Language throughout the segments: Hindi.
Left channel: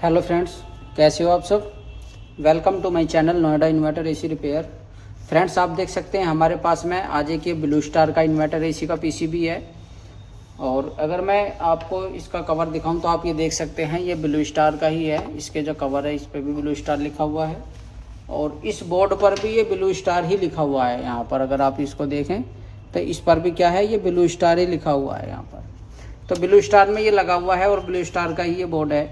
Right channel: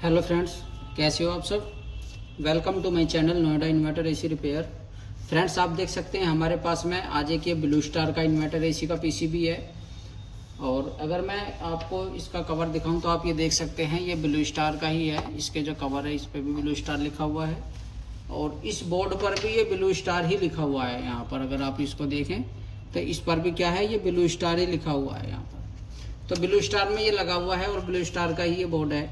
हेलो फ्रेंड्स, कैसे हो आप सब। Welcome to my channel Noida inverter AC repair. Friends, आप देख सकते हैं हमारे पास में आज एक ये ब्लू स्टार का इन्वर्टर एसी का पीसीबी है। और अगर मैं आपको इसका कवर दिखाऊं तो आप ये देख सकते हैं ये ब्लू स्टार का ही है। इसके जो कवर है इस पर भी ब्लू स्टार लिखा हुआ है और इस बोर्ड पर भी ये ब्लू स्टार ही लिखा हुआ है। यहाँ पर अगर आप इसको देखें तो इस पर भी क्या है, ये ब्लू स्टार ही लिखा हुआ है यहाँ पर। तो ब्लू स्टार में ये लगा हुआ है और ब्लू स्टार का ही ये बोर्ड है।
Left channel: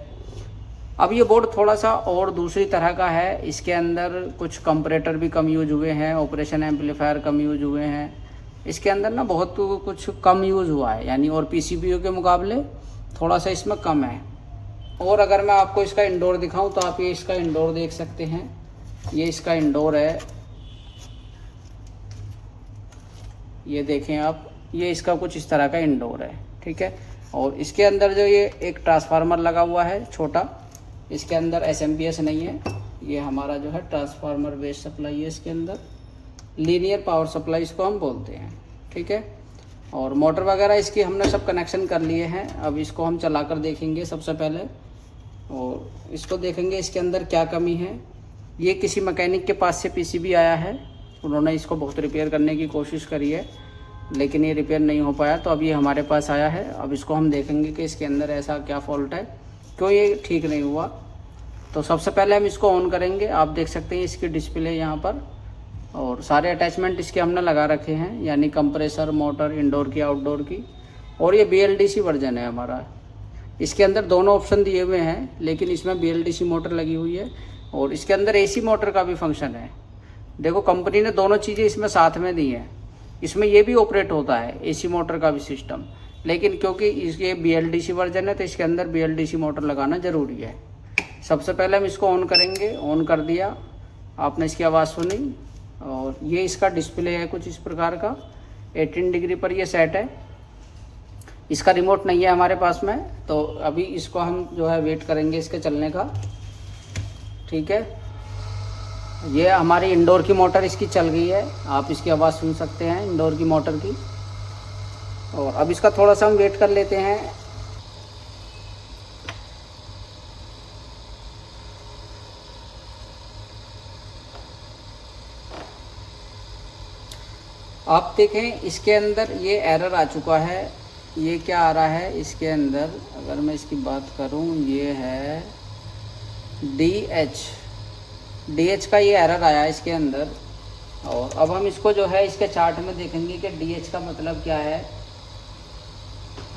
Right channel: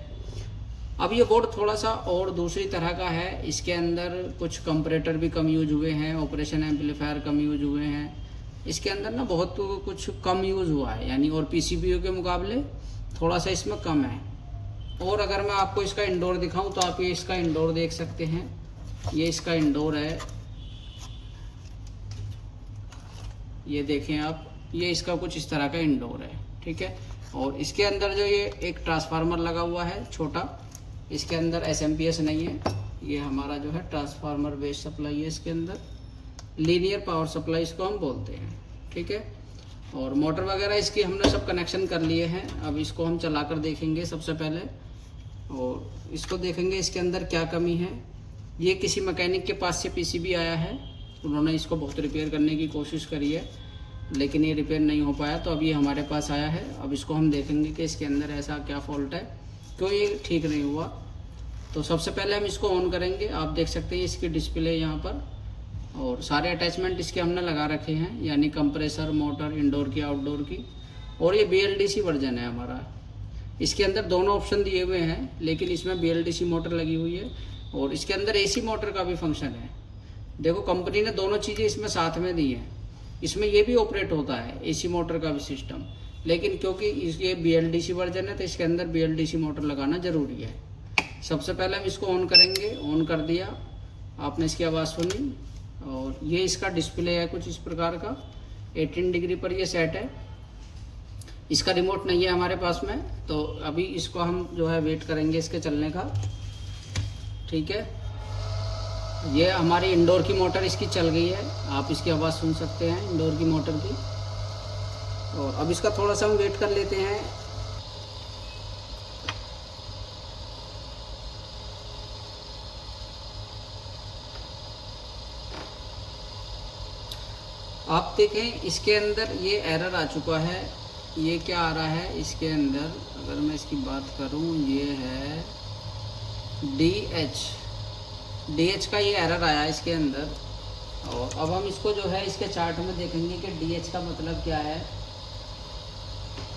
अब ये बोर्ड थोड़ा सा और दूसरी तरह का है। इसके अंदर कुछ कंपरेटर भी कम यूज हुए हैं, ऑपरेशन एम्पलीफायर कम यूज हुए हैं। इसके अंदर ना बहुत कुछ कम यूज हुआ है, यानी और पीसीबीओ के मुकाबले थोड़ा सा इसमें कम है। और अगर मैं आपको इसका इंडोर दिखाऊं तो आप ये इसका इंडोर देख सकते हैं। ये इसका इंडोर है, ये देखें आप, ये इसका कुछ इस तरह का इंडोर है, ठीक है। और इसके अंदर जो ये एक ट्रांसफार्मर लगा हुआ है छोटा, इसके अंदर एसएमपीएस नहीं है। ये हमारा जो है ट्रांसफार्मर बेस्ड सप्लाई है। इसके अंदर लीनियर पावर सप्लाई इसको हम बोलते हैं, ठीक है। और मोटर वगैरह इसकी हमने सब कनेक्शन कर लिए हैं। अब इसको हम चलाकर देखेंगे सबसे पहले, और इसको देखेंगे इसके अंदर क्या कमी है। ये किसी मैकेनिक के पास से पीसीबी आया है, उन्होंने इसको बहुत रिपेयर करने की कोशिश करी है लेकिन ये रिपेयर नहीं हो पाया, तो अब ये हमारे पास आया है। अब इसको हम देखेंगे कि इसके अंदर ऐसा क्या फॉल्ट है, क्यों ये ठीक नहीं हुआ। तो सबसे पहले हम इसको ऑन करेंगे। आप देख सकते हैं इसकी डिस्प्ले यहाँ पर, और सारे अटैचमेंट इसके हमने लगा रखे हैं, यानी कंप्रेसर, मोटर, इंडोर की, आउटडोर की। और ये BLDC वर्जन है हमारा। इसके अंदर दोनों ऑप्शन दिए हुए हैं, लेकिन इसमें BLDC मोटर लगी हुई है और इसके अंदर AC मोटर का भी फंक्शन है। देखो, कंपनी ने दोनों चीज़ें इसमें साथ में दी हैं। इसमें ये भी ऑपरेट होता है, AC मोटर का भी सिस्टम, लेकिन क्योंकि इसके BLDC वर्जन है तो इसके अंदर BLDC मोटर लगाना ज़रूरी है। सबसे पहले हम इसको ऑन करेंगे। ऑन कर दिया, आपने इसकी आवाज़ सुनी, और ये इसका डिस्प्ले है कुछ इस प्रकार का। 18 डिग्री पर ये सेट है। इसका रिमोट नहीं है हमारे पास में, तो अभी इसको हम जो है वेट करेंगे इसके चलने का, ठीक है। ये हमारी इंडोर की मोटर इसकी चल गई है, आप इसकी आवाज़ सुन सकते हैं इंडोर की मोटर की। और अब इसका थोड़ा सा हम वेट कर लेते हैं। आप देखें इसके अंदर ये एरर आ चुका है। ये क्या आ रहा है इसके अंदर, अगर मैं इसकी बात करूं, ये है DH का ये एरर आया है इसके अंदर। और अब हम इसको जो है इसके चार्ट में देखेंगे कि DH का मतलब क्या है।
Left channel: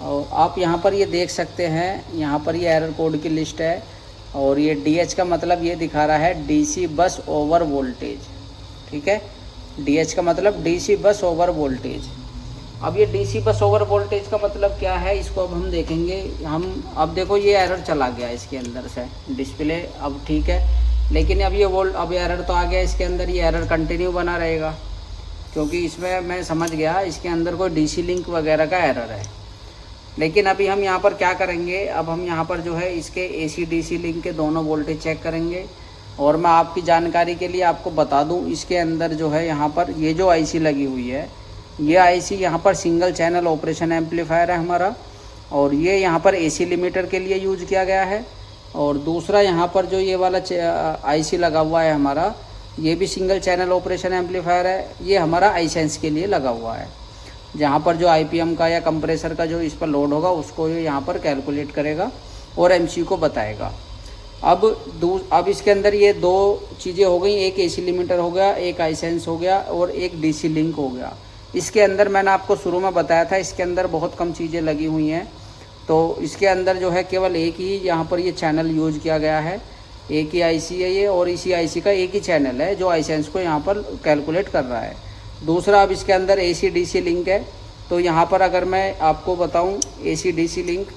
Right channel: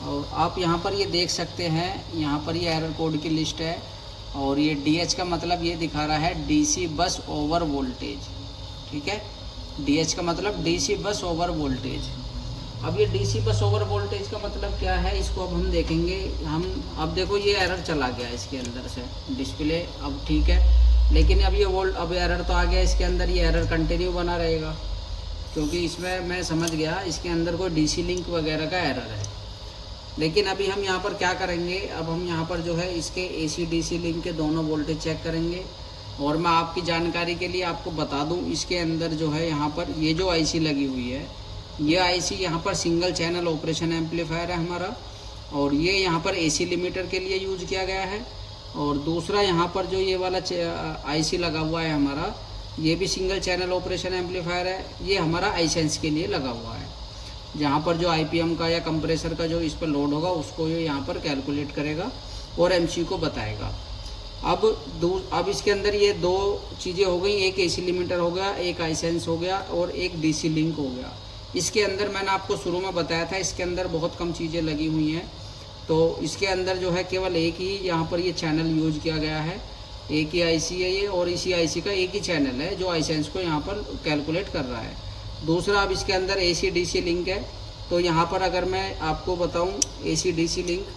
और आप यहाँ पर ये देख सकते हैं, यहाँ पर ये एरर कोड की लिस्ट है। और ये DH का मतलब ये दिखा रहा है DC बस ओवर वोल्टेज, ठीक है। DH का मतलब DC बस ओवर वोल्टेज। अब ये DC बस ओवर वोल्टेज का मतलब क्या है, इसको अब हम देखेंगे। हम अब देखो ये एरर चला गया इसके अंदर से, डिस्प्ले अब ठीक है, लेकिन अब ये अब एरर तो आ गया इसके अंदर। ये एरर कंटिन्यू बना रहेगा, क्योंकि इसमें मैं समझ गया इसके अंदर कोई DC लिंक वगैरह का एरर है। लेकिन अभी हम यहाँ पर क्या करेंगे, अब हम यहाँ पर जो है इसके AC DC लिंक के दोनों वोल्टेज चेक करेंगे। और मैं आपकी जानकारी के लिए आपको बता दूं, इसके अंदर जो है यहाँ पर ये जो IC लगी हुई है, ये IC यहाँ पर सिंगल चैनल ऑपरेशन एम्पलीफायर है हमारा। और ये यहाँ पर AC लिमिटर के लिए यूज किया गया है। और दूसरा यहाँ पर जो ये वाला IC लगा हुआ है हमारा, ये भी सिंगल चैनल ऑपरेशन एम्पलीफायर है। ये हमारा iSense के लिए लगा हुआ है, जहाँ पर जो IPM का या कंप्रेसर का जो इस पर लोड होगा उसको ये यहाँ पर कैलकुलेट करेगा और MC को बताएगा। अब इसके अंदर ये दो चीज़ें हो गई, एक AC लिमिटर हो गया, एक iSense हो गया, और एक DC लिंक हो गया। इसके अंदर मैंने आपको शुरू में बताया था, इसके अंदर बहुत कम चीज़ें लगी हुई हैं। तो इसके अंदर जो है केवल एक ही यहाँ पर ये चैनल यूज किया गया है, एक ही IC है ये, और इसी IC का एक ही चैनल है जो iSense को यहाँ पर कैलकुलेट कर रहा है। दूसरा, अब इसके अंदर AC DC लिंक है। तो यहाँ पर अगर मैं आपको बताऊँ AC DC लिंक,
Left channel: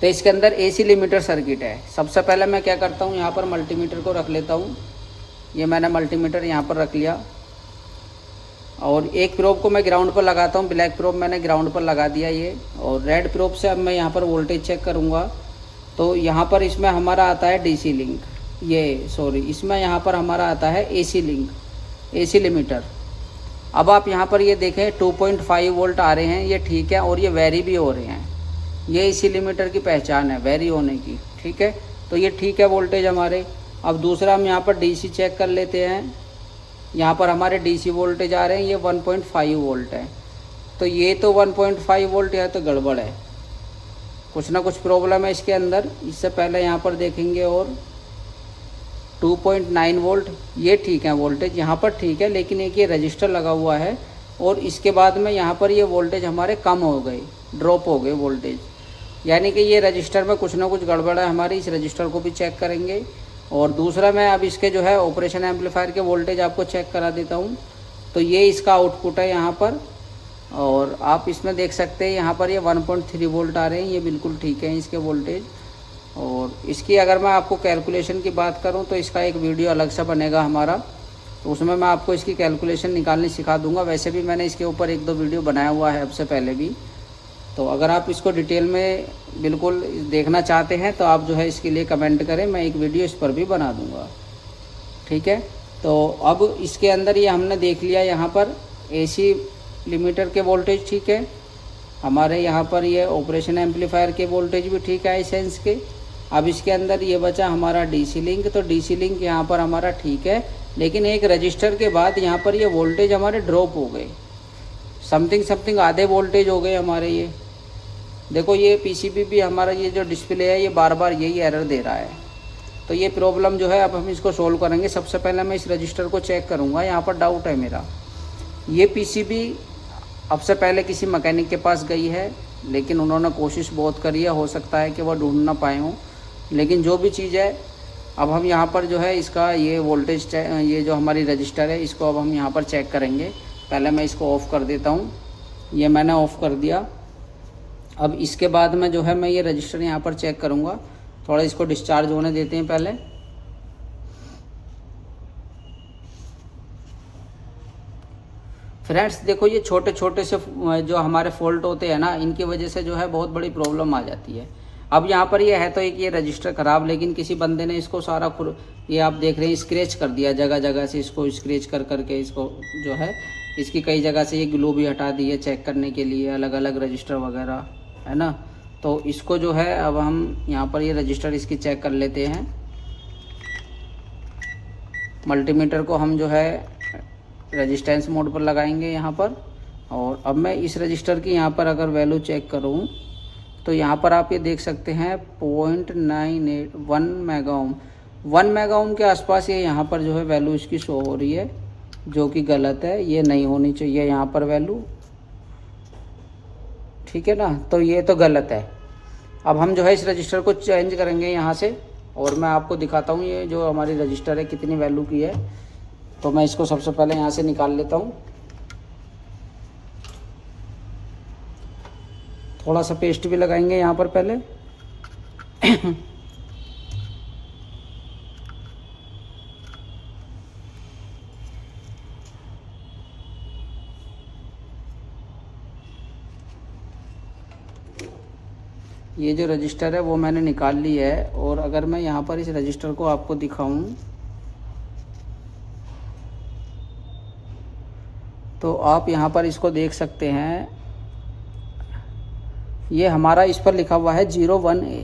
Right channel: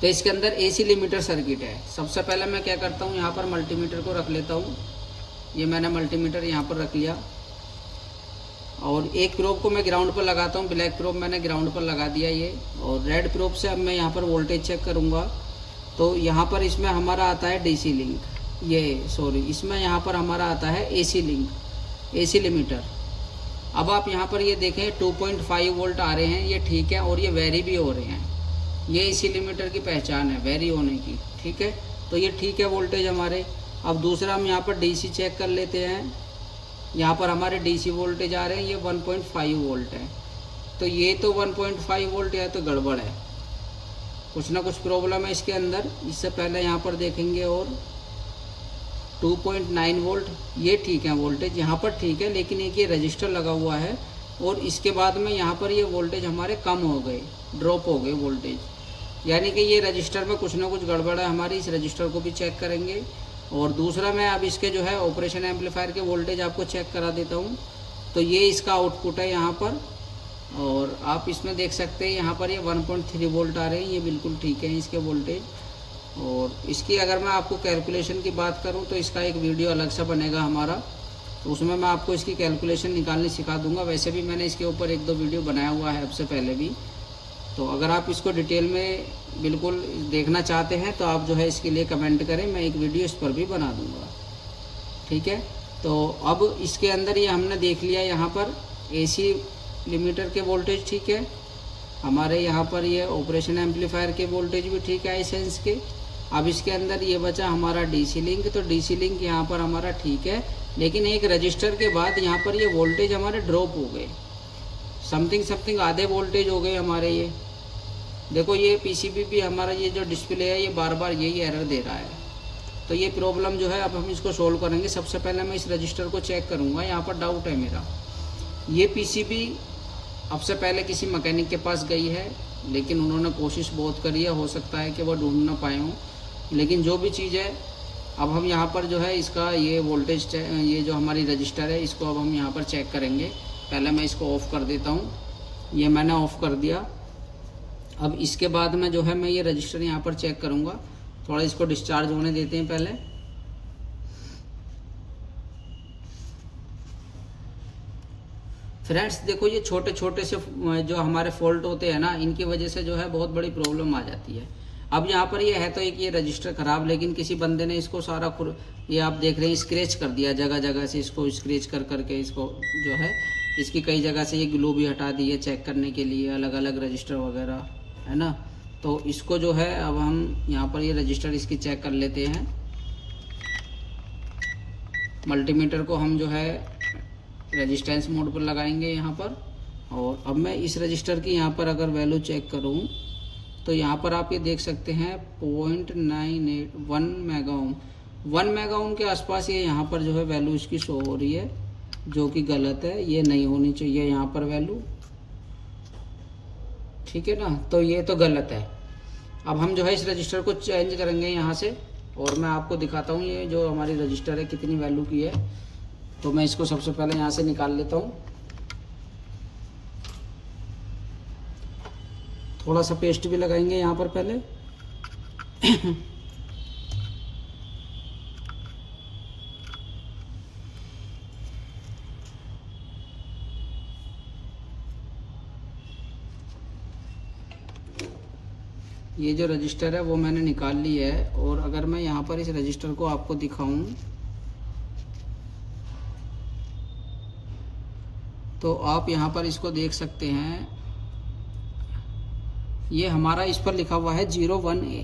तो इसके अंदर AC लिमिटर सर्किट है। सबसे पहले मैं क्या करता हूँ, यहाँ पर मल्टीमीटर को रख लेता हूँ। ये मैंने मल्टीमीटर यहाँ पर रख लिया, और एक प्रोब को मैं ग्राउंड पर लगाता हूँ। ब्लैक प्रोब मैंने ग्राउंड पर लगा दिया ये, और रेड प्रोब से अब मैं यहाँ पर वोल्टेज चेक करूँगा। तो यहाँ पर इसमें हमारा आता है DC लिंक, इसमें यहाँ पर हमारा आता है AC लिंक, AC लिमिटर। अब आप यहाँ पर ये देखें 2.5 वोल्ट आ रहे हैं, ये ठीक है, और ये वेरी भी हो रहे हैं। ये इसी लिमिटर की पहचान है, वेरी होने की, ठीक है, तो ये ठीक है वोल्टेज हमारे। अब दूसरा हम यहाँ पर डीसी चेक कर लेते हैं। यहाँ पर हमारे डीसी वोल्टेज आ रहे हैं, ये 1.5 वोल्ट है। तो ये तो 1.5 वोल्ट है तो गड़बड़ है, कुछ ना कुछ प्रॉब्लम है इसके अंदर। इससे पहले यहाँ पर देखेंगे और 2.9 वोल्ट, ये ठीक है वोल्टेज यहाँ पर ठीक है, लेकिन एक ये रजिस्टर लगा हुआ है और इसके बाद में यहाँ पर ये वोल्टेज हमारे कम हो गए, ड्रॉप हो गए वोल्टेज, यानी कि ये रजिस्टर में कुछ ना कुछ गड़बड़ है हमारी। इस रजिस्टर को भी चेक करेंगे। और दूसरा मैं अब इसके जो है ऑपरेशन एम्पलीफायर के वोल्टेज आपको चेक करा देता हूँ। तो ये इसका आउटपुट है यहाँ पर, और आप इसमें देख सकते हैं यहाँ पर ये 1.3 वोल्ट आ रहे हैं, ये बिल्कुल ठीक है इसके वोल्टेज। और इसकी अगर मैं आपको कैलकुलेशन की बात करूँ तो इसका एक वीडियो अलग सा बनेगा हमारा, तो उसमें मैं आपको इसकी कैलकुलेशन निकालनी सिखा दूंगा। वैसे भी मैंने इसके ऊपर 1-2 वीडियो बनाया हुआ है अब से पहले भी, तो अगर आप इसको डिटेल में बिल्कुल देखना चाहते हैं तो आप जो है इसके लिए कमेंट करें, मैं एक वीडियो इस पर भी बना दूंगा, ठीक है। तो अब इसके अंदर ये हमने देख लिया, यहाँ पर एसी लिमिटर के वोल्टेज ठीक है हमारे, यहाँ पर ये ऑपरेशन एम्पलीफायर के वोल्टेज भी ठीक है सेंस के। अब इसके अंदर ये बचा हमारा डीसी लिंक, तो डीसी लिंक यहाँ पर हमारा ठीक है, लेकिन एक रजिस्टर के बाद यहाँ पर ये वोल्टेज हमारे ड्रॉप हो गए, समथिंग आधे वोल्टेज हो गए हमारे। ये देखो ये पीसीबी भी हमारा ये जो डिस्प्ले है ये बार बार यही एरर दे रहा है। तो ये प्रॉब्लम जो है अब हम इसको सोल्व करेंगे। सबसे पहले मैं इस रजिस्टर को चेक करूँगा, यहाँ पर डाउट है मेरा। ये पीसीबी अब से पहले किसी मैकेनिक के पास गई है, लेकिन उन्होंने कोशिश बहुत करी है, हो सकता है कि वह ढूंढ ना पाए हों, लेकिन जो भी चीज़ है अब हम यहाँ पर जो है इसका ये वोल्टेज, ये जो हमारी रजिस्टर है इसको अब हम यहाँ पर चेक करेंगे। पहले मैं इसको ऑफ़ कर देता हूँ, ये मैंने ऑफ़ कर दिया। अब इसके बाद में जो है मैं ये रजिस्टर यहाँ पर चेक करूँगा, थोड़ा इसको डिस्चार्ज होने देते हैं पहले। फ्रेंड्स देखो ये छोटे छोटे से जो हमारे फॉल्ट होते हैं ना, इनकी वजह से जो है बहुत बड़ी प्रॉब्लम आ जाती है। अब यहाँ पर ये है तो एक ये रजिस्टर ख़राब, लेकिन किसी बंदे ने इसको सारा ये आप देख रहे हैं स्क्रैच कर दिया, जगह जगह से इसको स्क्रैच कर करके इसको जो है इसकी कई जगह से ये ग्लू भी हटा दी है चेक करने के लिए, अलग अलग रजिस्टर वगैरह है ना। तो इसको जो है अब हम यहाँ पर ये रजिस्टर इसकी चेक कर लेते हैं। मल्टीमीटर को हम जो है रेजिस्टेंस मोड पर लगाएंगे यहाँ पर, और अब मैं इस रजिस्टर की यहाँ पर अगर वैल्यू चेक करूँ तो यहाँ पर आप ये देख सकते हैं 0.981 मेगा ओम, 1 मेगा ओम के आसपास ये यहाँ पर जो है वैल्यू इसकी शो हो रही है, जो कि गलत है, ये नहीं होनी चाहिए यहाँ पर वैल्यू, ठीक है ना। तो ये तो गलत है। अब हम जो है इस रजिस्टर को चेंज करेंगे यहाँ से, और मैं आपको दिखाता हूँ ये जो हमारी रजिस्टर है कितनी वैल्यू की है। तो मैं इसको सबसे पहले यहाँ से निकाल लेता हूँ, थोड़ा सा पेस्ट भी लगाएंगे यहाँ पर पहले। ये जो रजिस्टर है वो मैंने निकाल ली है, और अगर मैं यहाँ पर इस रजिस्टर को आपको दिखाऊं तो आप यहाँ पर इसको देख सकते हैं, ये हमारा इस पर लिखा हुआ है 01A,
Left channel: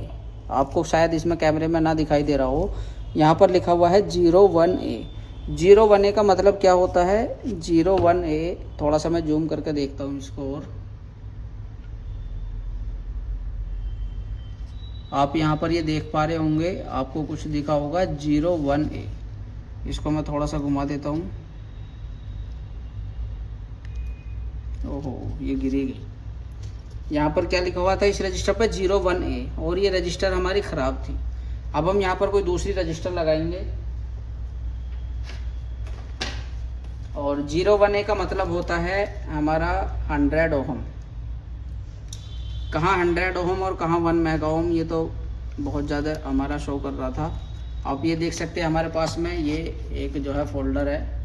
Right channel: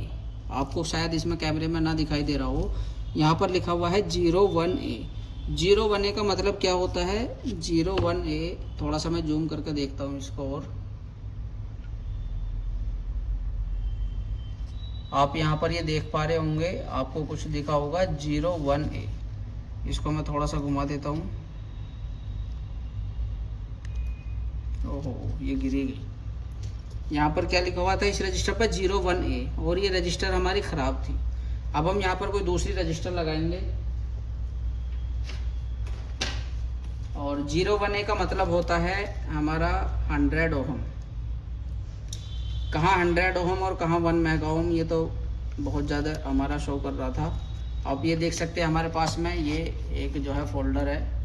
आपको शायद इसमें कैमरे में ना दिखाई दे रहा हो, यहाँ पर लिखा हुआ है 01A। 01A का मतलब क्या होता है? 01A, थोड़ा सा मैं जूम करके देखता हूँ इसको, और आप यहाँ पर ये देख पा रहे होंगे, आपको कुछ दिखा होगा 01A। इसको मैं थोड़ा सा घुमा देता हूँ, ओहो ये गिरी गई। यहाँ पर क्या लिखा हुआ था इस रजिस्टर पर? 01A, और ये रजिस्टर हमारी ख़राब थी। अब हम यहाँ पर कोई दूसरी रजिस्टर लगाएंगे, और 01A का मतलब होता है हमारा 100 ओहम। कहाँ 100 ओहम और कहाँ 1 मेगा ओहम, ये तो बहुत ज़्यादा हमारा शो कर रहा था। आप ये देख सकते हैं हमारे पास में ये एक जो है फोल्डर है,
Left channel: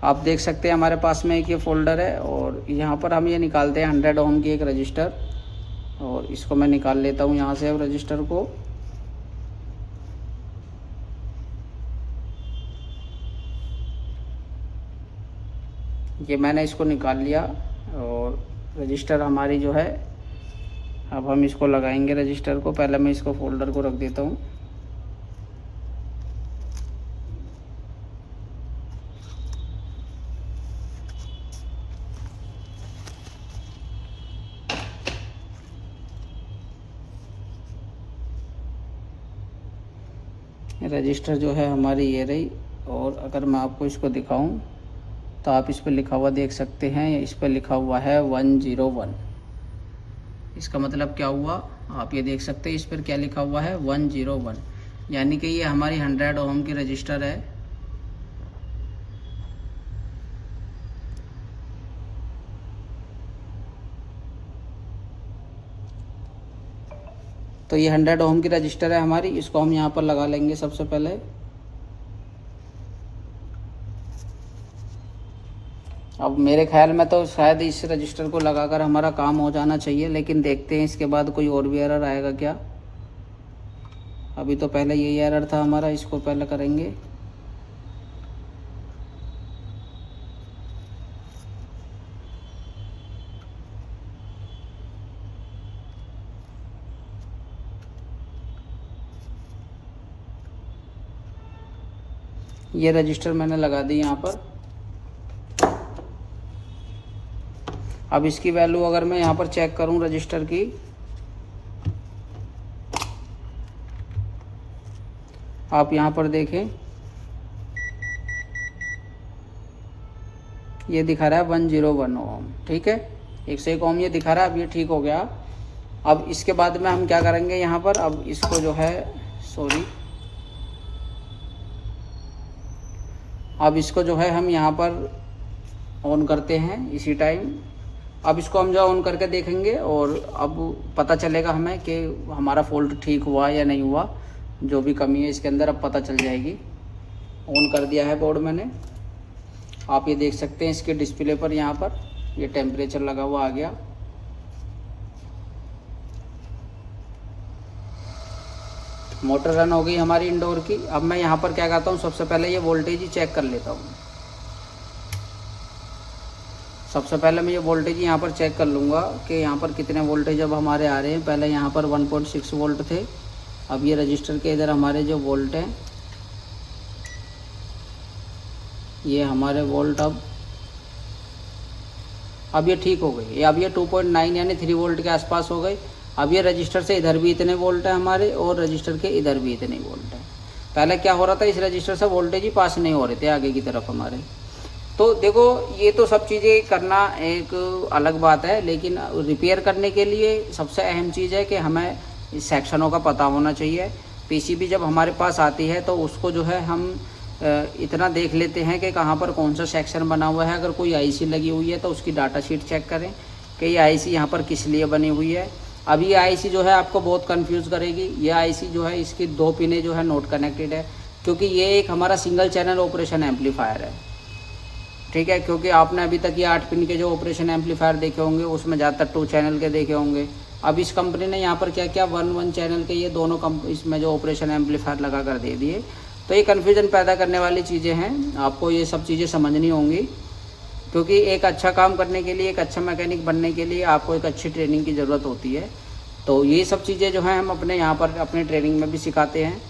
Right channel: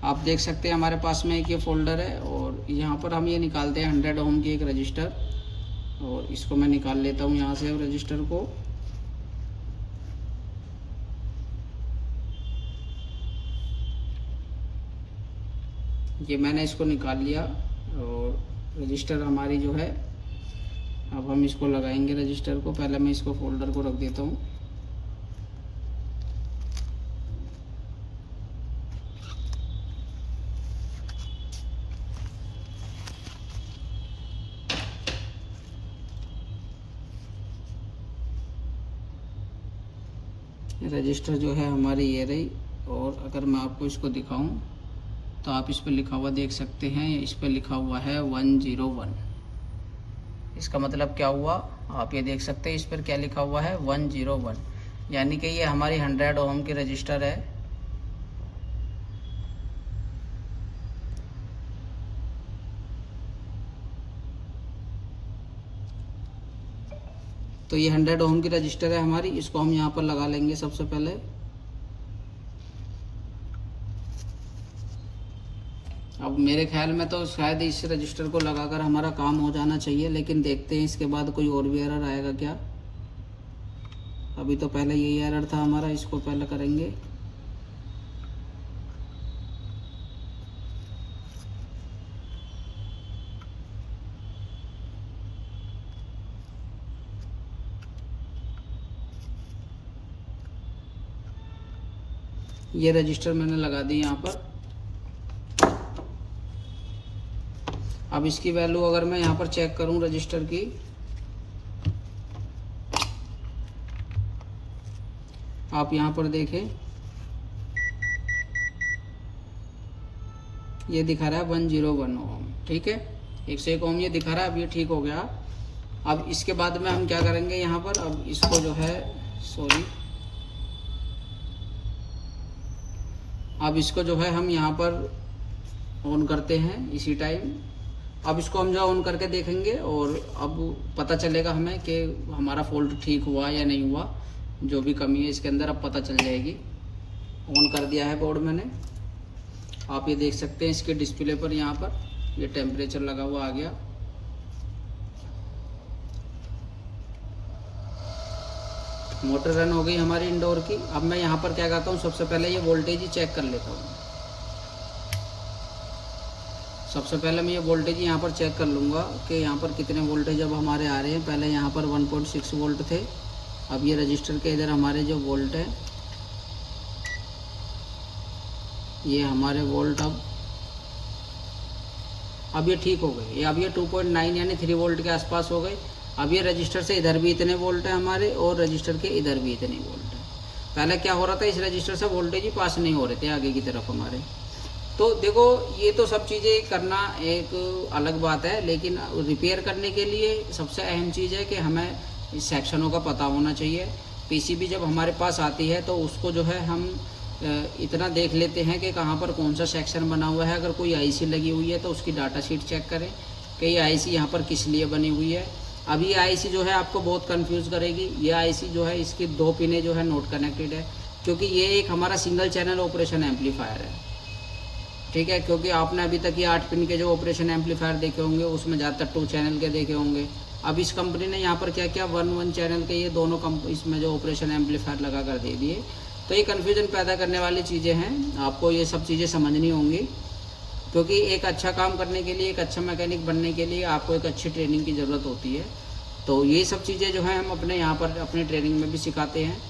आप देख सकते हैं हमारे पास में एक ये फोल्डर है, और यहाँ पर हम ये निकालते हैं 100 ओम की एक रजिस्टर, और इसको मैं निकाल लेता हूँ यहाँ से अब रजिस्टर को। ये मैंने इसको निकाल लिया, और रजिस्टर हमारी जो है, अब हम इसको लगाएंगे रजिस्टर को। पहले मैं इसको फोल्डर को रख देता हूँ। रजिस्टर जो है हमारी ये रही। और अगर मैं आपको इसको दिखाऊं तो आप इस पर लिखा हुआ देख सकते हैं, इस पर लिखा हुआ है 101। इसका मतलब क्या हुआ आप ये देख सकते हैं, इस पर क्या लिखा हुआ है 101, यानी कि ये हमारी 100 ओम की रजिस्टर है। तो ये 100 ओम की रजिस्टर है हमारी, इसको हम यहाँ पर लगा लेंगे सबसे पहले। अब मेरे ख्याल में तो शायद इस रजिस्टर को लगाकर हमारा काम हो जाना चाहिए, लेकिन देखते हैं इसके बाद कोई और भी एरर आएगा क्या। अभी तो पहले यही एरर था हमारा, इसको पहले करेंगे। ये रजिस्टर मैंने लगा दी यहाँ पर। अब इसकी वैल्यू अगर मैं यहाँ पर चेक करूँ रजिस्टर की, आप यहाँ पर देखें ये दिखा रहा है 101 ओम। ठीक है, 101 ओम ये दिखा रहा है। अब ये ठीक हो गया। अब इसके बाद में हम क्या करेंगे यहाँ पर, अब इसको जो है अब इसको जो है हम यहाँ पर ऑन करते हैं इसी टाइम। अब इसको हम जो ऑन करके देखेंगे और अब पता चलेगा हमें कि हमारा फॉल्ट ठीक हुआ या नहीं हुआ। जो भी कमी है इसके अंदर अब पता चल जाएगी। ऑन कर दिया है बोर्ड मैंने, आप ये देख सकते हैं इसके डिस्प्ले पर यहाँ पर ये टेम्परेचर लगा हुआ आ गया। मोटर रन हो गई हमारी इंडोर की। अब मैं यहाँ पर क्या करता हूँ, सबसे पहले ये वोल्टेज ही चेक कर लेता हूँ। सबसे पहले मैं ये वोल्टेज यहाँ पर चेक कर लूँगा कि यहाँ पर कितने वोल्टेज अब हमारे आ रहे हैं। पहले यहाँ पर 1.6 वोल्ट थे, अब ये रजिस्टर के इधर हमारे जो वोल्ट हैं ये हमारे वोल्ट अब ये ठीक हो गए। अब ये 2.9 यानी 3 वोल्ट के आसपास हो गए। अब ये रजिस्टर से इधर भी इतने वोल्ट है हमारे और रजिस्टर के इधर भी इतने वोल्ट है। पहले क्या हो रहा था, इस रजिस्टर से वोल्टेज ही पास नहीं हो रहे थे आगे की तरफ हमारे। तो देखो ये तो सब चीज़ें करना एक अलग बात है, लेकिन रिपेयर करने के लिए सबसे अहम चीज़ है कि हमें सेक्शनों का पता होना चाहिए। पीसीबी जब हमारे पास आती है तो उसको जो है हम इतना देख लेते हैं कि कहाँ पर कौन सा सेक्शन बना हुआ है। अगर कोई आईसी लगी हुई है तो उसकी डाटा शीट चेक करें कि ये आईसी यहाँ पर किस लिए बनी हुई है। अब ये आईसी जो है आपको बहुत कंफ्यूज करेगी। ये आईसी जो है इसकी 2 पिनें जो है नोट कनेक्टेड है, क्योंकि ये एक हमारा सिंगल चैनल ऑपरेशन एम्पलीफायर है। ठीक है, क्योंकि आपने अभी तक ये 8 पिन के जो ऑपरेशन एम्पलीफायर देखे होंगे उसमें ज़्यादातर 2 चैनल के देखे होंगे। अब इस कंपनी ने यहाँ पर क्या क्या 1 चैनल के ये दोनों इसमें जो ऑपरेशन एम्पलीफायर लगा कर दे दिए। तो ये कन्फ्यूजन पैदा करने वाली चीज़ें हैं, आपको ये सब चीज़ें समझनी होंगी, क्योंकि एक अच्छा काम करने के लिए, एक अच्छा मैकेनिक बनने के लिए आपको एक अच्छी ट्रेनिंग की ज़रूरत होती है। तो ये सब चीज़ें जो हैं हम अपने यहाँ पर अपनी ट्रेनिंग में भी सिखाते हैं।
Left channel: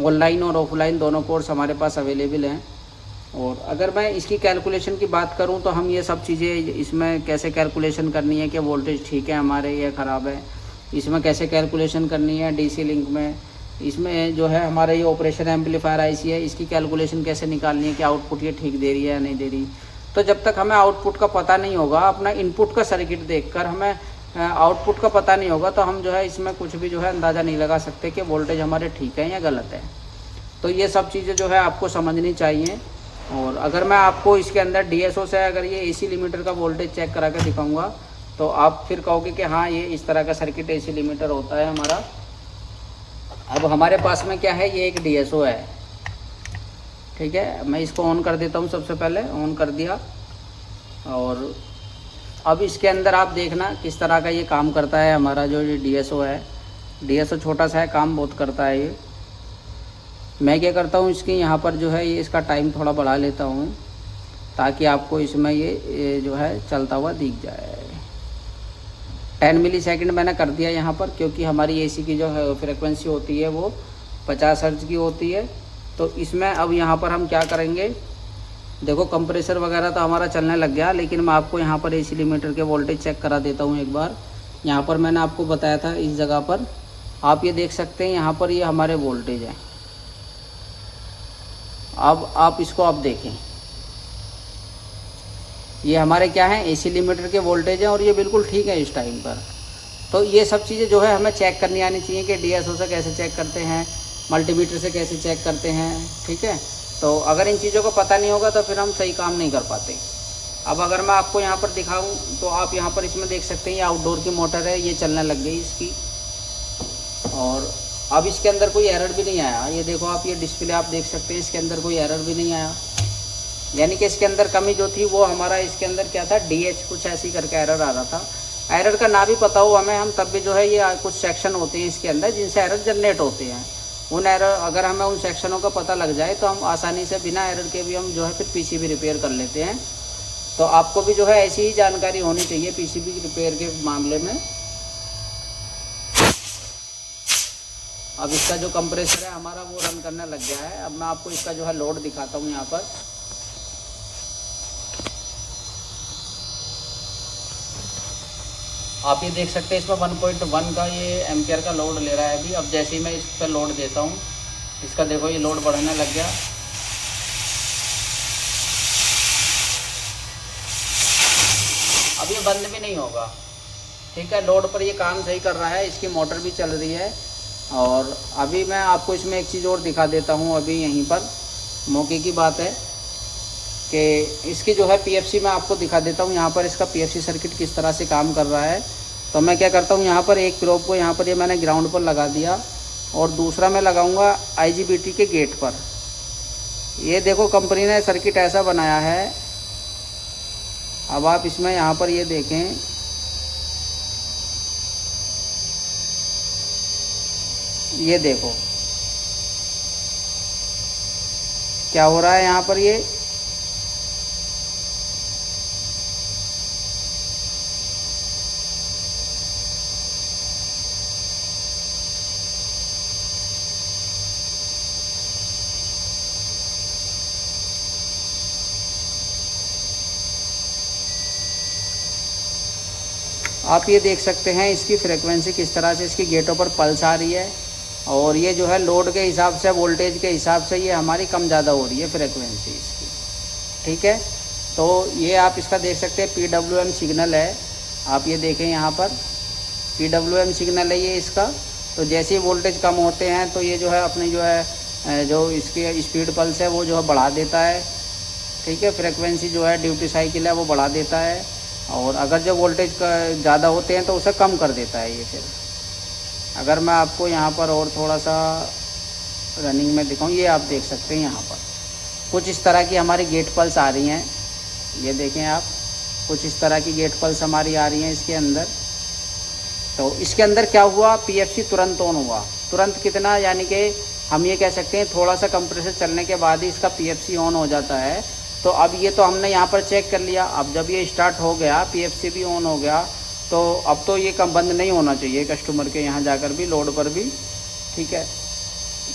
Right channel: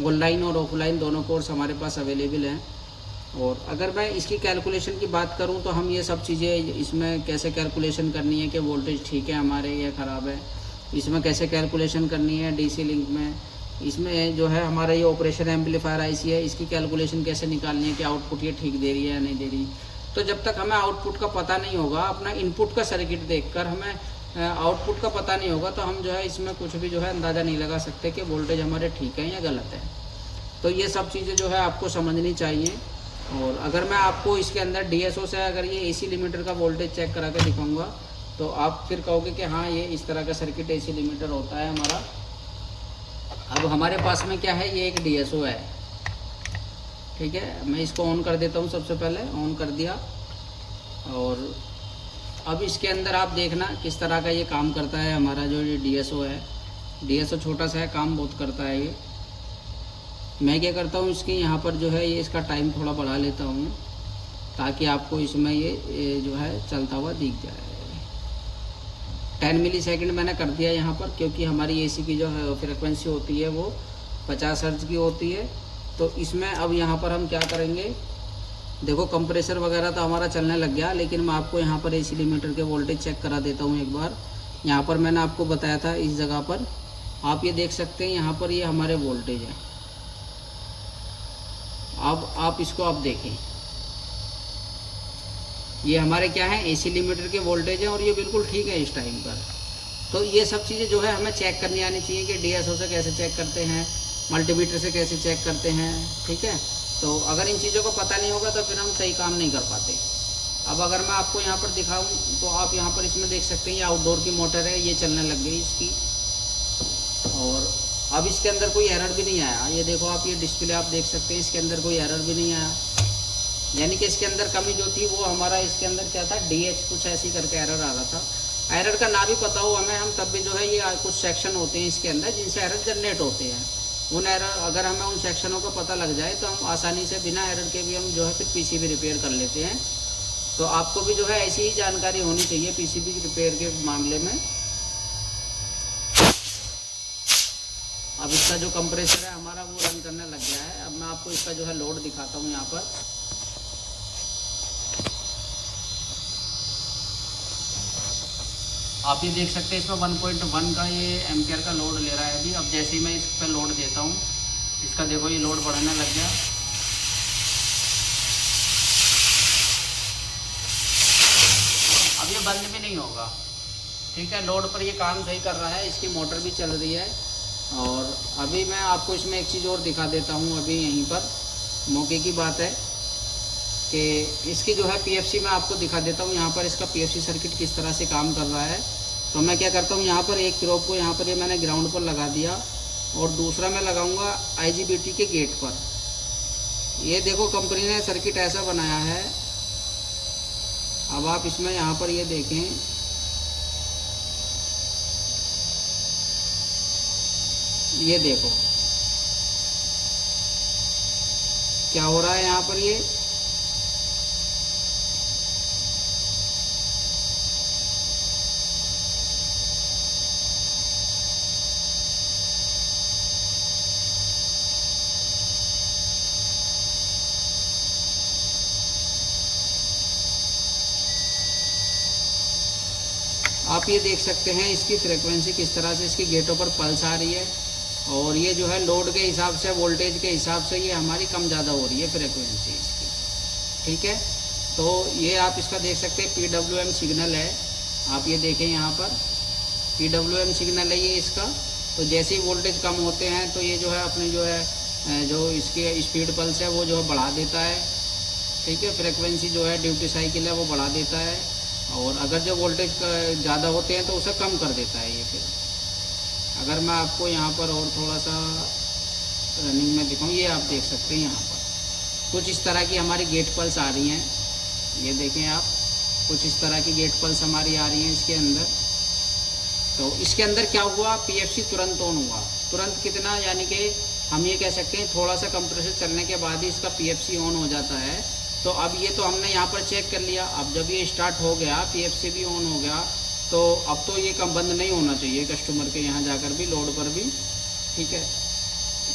ऑनलाइन और ऑफलाइन दोनों कोर्स हमारे पास अवेलेबल हैं। और अगर मैं इसकी कैलकुलेशन की बात करूं तो हम ये सब चीज़ें इसमें कैसे कैलकुलेशन करनी है कि वोल्टेज ठीक है हमारे या ख़राब है, इसमें कैसे कैलकुलेशन करनी है डीसी लिंक में, इसमें जो है हमारा ये ऑपरेशन एम्पलीफायर आईसी है इसकी कैलकुलेशन कैसे निकालनी है कि आउटपुट ये ठीक दे रही है या नहीं दे रही। तो जब तक हमें आउटपुट का पता नहीं होगा, अपना इनपुट का सर्किट देखकर हमें आउटपुट का पता नहीं होगा, तो हम जो है इसमें कुछ भी जो है अंदाज़ा नहीं लगा सकते कि वोल्टेज हमारे ठीक है या गलत है। तो ये सब चीज़ें जो है आपको समझनी चाहिए। और अगर मैं आपको इसके अंदर डीएसओ से अगर ये एसी लिमिटर का वोल्टेज चेक करा के दिखाऊंगा तो आप फिर कहोगे कि हाँ ये इस तरह का सर्किट एसी लिमिटर होता है हमारा। अब हमारे पास में क्या है, ये एक डीएसओ है। ठीक है, मैं इसको ऑन कर देता हूँ। सबसे पहले ऑन कर दिया और अब इसके अंदर आप देखना किस तरह का ये काम करता है। हमारा जो ये डीएसओ है, डीएसओ छोटा सा है, काम बहुत करता है ये। मैं क्या करता हूँ, इसकी यहाँ पर जो है ये इसका टाइम थोड़ा बढ़ा लेता हूँ ताकि आपको इसमें ये जो है चलता हुआ दिख जाए। 10 मिलीसेकंड मैंने कर दिया यहाँ पर, क्योंकि हमारी एसी की जो है फ्रिक्वेंसी होती है वो 50 हर्ट्ज की होती है। तो इसमें अब यहाँ पर हम क्या करेंगे, देखो कंप्रेसर वगैरह तो हमारा चलने लग गया, लेकिन मैं आपको यहाँ पर एसी लिमिटर के वोल्टेज चेक करा देता हूँ एक बार। यहाँ पर मैंने आपको बताया था इस जगह पर, आप ये देख सकते हैं यहाँ पर ये हमारे वोल्टेज है। अब आप इसको अब देखें, ये हमारे क्या है एसी लिमिटर के वोल्टेज हैं और ये बिल्कुल ठीक है इस टाइम पर। तो ये सब चीज़ें जो है हमें चेक करनी आनी चाहिए कि डीएसओ से कैसे चेक करते हैं, मल्टीमीटर से कैसे चेक करते हैं, ठीक है। तो अगर इन चीज़ों को पता नहीं होगा तो फिर हम सही काम नहीं कर पाते। अब अगर मैं आपको यहाँ पर दिखाऊँ तो आप यहाँ पर इसमें देख सकते हैं ये आउटडोर की मोटर है, ये चलने लग गई इसकी, और अब इसके अंदर कोई एरर भी नहीं आया। ये देखो आप, ये डिस्प्ले आप देख सकते हैं, इसके अंदर कोई एरर भी नहीं आया। यानी कि इसके अंदर कमी जो थी वो हमारा इसके अंदर क्या था, DH कुछ ऐसी करके एरर आ रहा था। एरर का ना भी पता हो हमें, हम तब भी जो है ये कुछ सेक्शन होते हैं इसके अंदर जिनसे एरर जनरेट होते हैं। उन एरर अगर हमें उन सेक्शनों का पता लग जाए तो हम आसानी से बिना एरर के भी हम जो है फिर PCB रिपेयर कर लेते हैं। तो आपको भी जो है ऐसी ही जानकारी होनी चाहिए PCB रिपेयर के मामले में। अब इसका जो कंप्रेसर है हमारा वो रन करने लग गया है। अब मैं आपको इसका जो है लोड दिखाता हूँ यहाँ पर। आप ये देख सकते हैं इसमें 1.1 का ये एम्पियर का लोड ले रहा है अभी। अब जैसे ही मैं इस पर लोड देता हूँ, इसका देखो ये लोड बढ़ने लग गया। अब ये बंद भी नहीं होगा, ठीक है। लोड पर ये काम सही कर रहा है, इसकी मोटर भी चल रही है। और अभी मैं आपको इसमें एक चीज़ और दिखा देता हूँ। अभी यहीं पर मौके की बात है कि इसकी जो है PFC मैं आपको दिखा देता हूँ। यहाँ पर इसका PFC सर्किट किस तरह से काम कर रहा है। तो मैं क्या करता हूँ, यहाँ पर एक प्रोब को यहाँ पर ये मैंने ग्राउंड पर लगा दिया और दूसरा मैं लगाऊंगा IGBT के गेट पर। ये देखो कंपनी ने सर्किट ऐसा बनाया है। अब आप इसमें यहाँ पर ये देखें, ये देखो क्या हो रहा है यहाँ पर। ये आप ये देख सकते हैं इसकी फ्रीक्वेंसी किस तरह से इसकी गेटों पर पल्स आ रही है। और ये जो है लोड के हिसाब से, वोल्टेज के हिसाब से ये हमारी कम ज़्यादा हो रही है फ्रीक्वेंसी इसकी, ठीक है। तो ये आप इसका देख सकते हैं PWM सिग्नल है। आप ये देखें यहाँ पर PWM सिग्नल है ये इसका। तो जैसे ही वोल्टेज कम होते हैं तो ये जो है अपनी जो है जो इसकी स्पीड पल्स है वो जो है बढ़ा देता है, ठीक है। फ्रीक्वेंसी जो है ड्यूटी साइकिल है वो बढ़ा देता है। और अगर जो वोल्टेज ज़्यादा होते हैं तो उसे कम कर देता है ये। फिर अगर मैं आपको यहाँ पर और थोड़ा सा रनिंग में दिखाऊँ, ये आप देख सकते हैं यहाँ पर कुछ इस तरह की हमारी गेट पल्स आ रही हैं। ये देखें आप, कुछ इस तरह की गेट पल्स हमारी आ रही हैं इसके अंदर। तो इसके अंदर क्या हुआ, PFC तुरंत ऑन हुआ। तुरंत कितना, यानी कि हम ये कह सकते हैं थोड़ा सा कंप्रेसर चलने के बाद ही इसका PFC ऑन हो जाता है। तो अब ये तो हमने यहाँ पर चेक कर लिया। अब जब ये स्टार्ट हो गया, PFC भी ऑन हो गया, तो अब तो ये कम बंद नहीं होना चाहिए कस्टमर के यहाँ जाकर भी, लोड पर भी, ठीक है,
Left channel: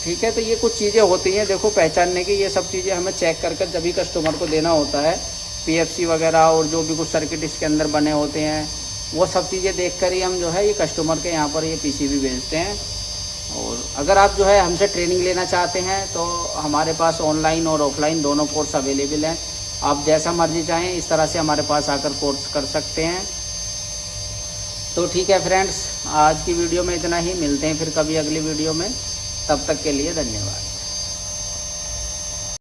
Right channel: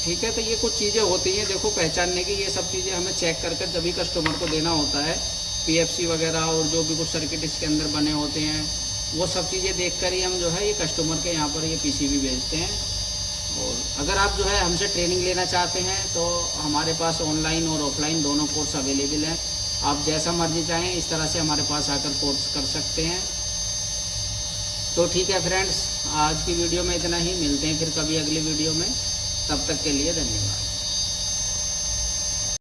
ठीक है। तो ये कुछ चीज़ें होती हैं देखो पहचानने की। ये सब चीज़ें हमें चेक कर जब भी कस्टमर को देना होता है, PFC वगैरह और जो भी कुछ सर्किट इसके अंदर बने होते हैं वो सब चीज़ें देख कर ही हम जो है ये कस्टमर के यहाँ पर ये PCB भेजते हैं। और अगर आप जो है हमसे ट्रेनिंग लेना चाहते हैं तो हमारे पास ऑनलाइन और ऑफलाइन दोनों कोर्स अवेलेबल हैं। आप जैसा मर्जी चाहें इस तरह से हमारे पास आकर कोर्स कर सकते हैं। तो ठीक है फ्रेंड्स, आज की वीडियो में इतना ही। मिलते हैं फिर कभी अगली वीडियो में। तब तक के लिए धन्यवाद।